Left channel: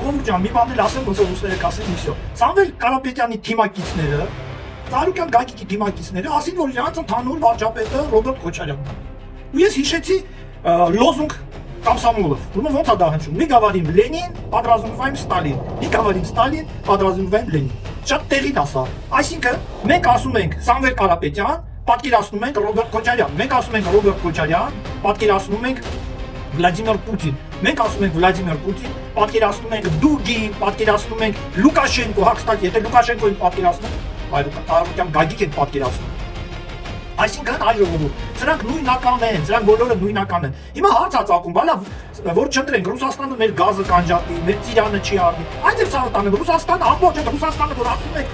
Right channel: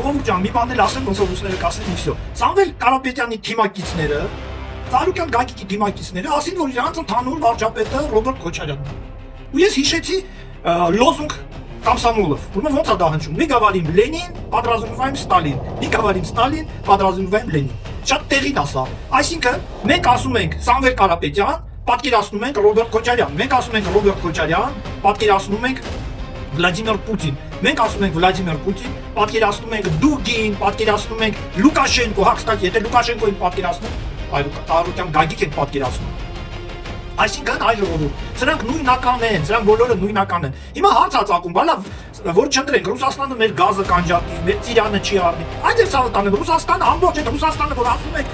ժողովուրդ ջան, մի բան էլ ասեմ, ոնց որ ուսները կասեն իսո։ Սամվել Կարապետյանի թիմակիցները, Ծառուկյան Գագիկի թիմակիցները ասին, որ իրանց ընդհանուր վարչապետը Ռոբերտ Քոչարյանն է։ Ու ես հիշեցի լոզունգ Կամսամոլով, ուրեմն ոնց է դա հնչում։ Մի գավարիմ Լենին, պատրաստվում Ստալին։ Մի գավարիմ Ստալին, պատրաստվում Լենին։ Շատ տեղին ասա։ Այսինքն մենք ասում ենք Սամվել Կարապետյան, պատկերացնում ենք Ռոբերտ Քոչարյան։ Մենք ասում ենք Ռոբերտ Քոչարյան, պատկերացնում ենք Վլադիմիր Պուտին։ Մենք ասում ենք Վլադիմիր Պուտին, պատկերացնում ենք Դուգին, պատկերացնում ենք Լուկաշենկո, հա, կստати, եթե Լուկաշենկոին պատկերացնում, Ծառուկյան Գագիկ են պատկերացնում։ Այսինքն այ ժողովուրդ, սրանք նույնական են, սրանք բոլորը նույնական են։ Հիմա հարց է ծագում, բալա, որ չընտրենք, Ռուսաստանը մեր գազը կանջատի, մեր ծիրանը չի առնի։ Այդ էլ ցավոտան է, Ռուսաստանը ամբողջ է, Ռուսաստանը որ ասում է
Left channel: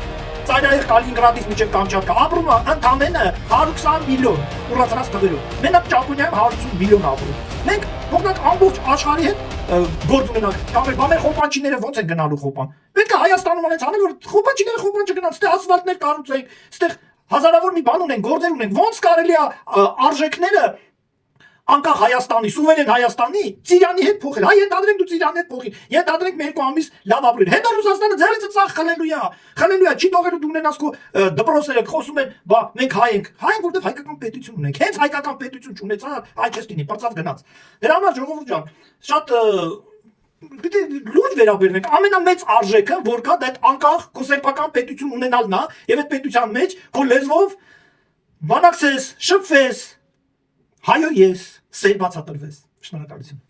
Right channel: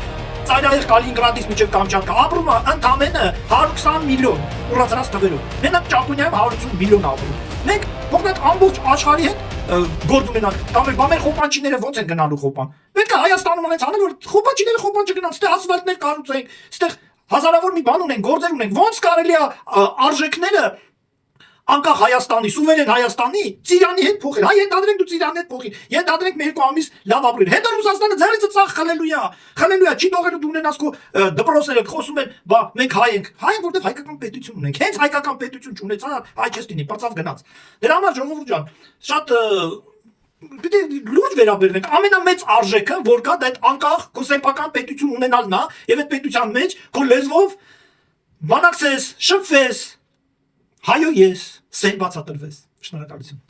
Ծայրահեղ Կալինինգրադից մինչև Կամչատկա ապրում է ընդամենը 120 միլիոն ուռացած թվերով։ Մենակ Ճապոնիայում 180 միլիոն ապրում։ Մենք փոխնակ ամբողջ աշխարհի հետ գործ ունենանք։ Կամ մեր խոպանչիները ոնց են գնալու խոպան։ Պետք է Հայաստանում այնց անել, որ խոպանչիները խոպան չգնան, ստեղ ասֆալտներ կառուցենք, ստեղ հազարավոր մի բան ունենք, գործեր ունենք։ Ոնց կարելի է արժեքները անկախ Հայաստանի, սուվերեն Հայաստանի Ծիրանի հետ փոխել։ Հայ ենթադրենք դու Ծիրանի հետ փոխի։ Ենթադրենք մեր 2 ամիս լավ ապրել։ Հետո Ռուսաստանը ձեռիցը ծախ խլելույա։ Խլելույա չի թողելու դու ունենաս քո դպրոցները խոսում են, բա մենք հայ ենք։ Հայ ենք, որտեղ հայկական պետություն ունենք։ Հենց հայկական պետություն չունեցա, այ չես լինի, բարձավ գնաց։ Դրա համար ժողովուրդ ջան, շատ պիտի լուրջ վերաբերվենք։ Ամենամեծ արժեքը, որ կա, դա այդ անկախ քո սեփական պետություն ունենալն է, եւ այդ պետության մեջ քո լեզվով բանակցես, շփվես, հայո ես, սեր բացատրվես։ Շնորհակալություն։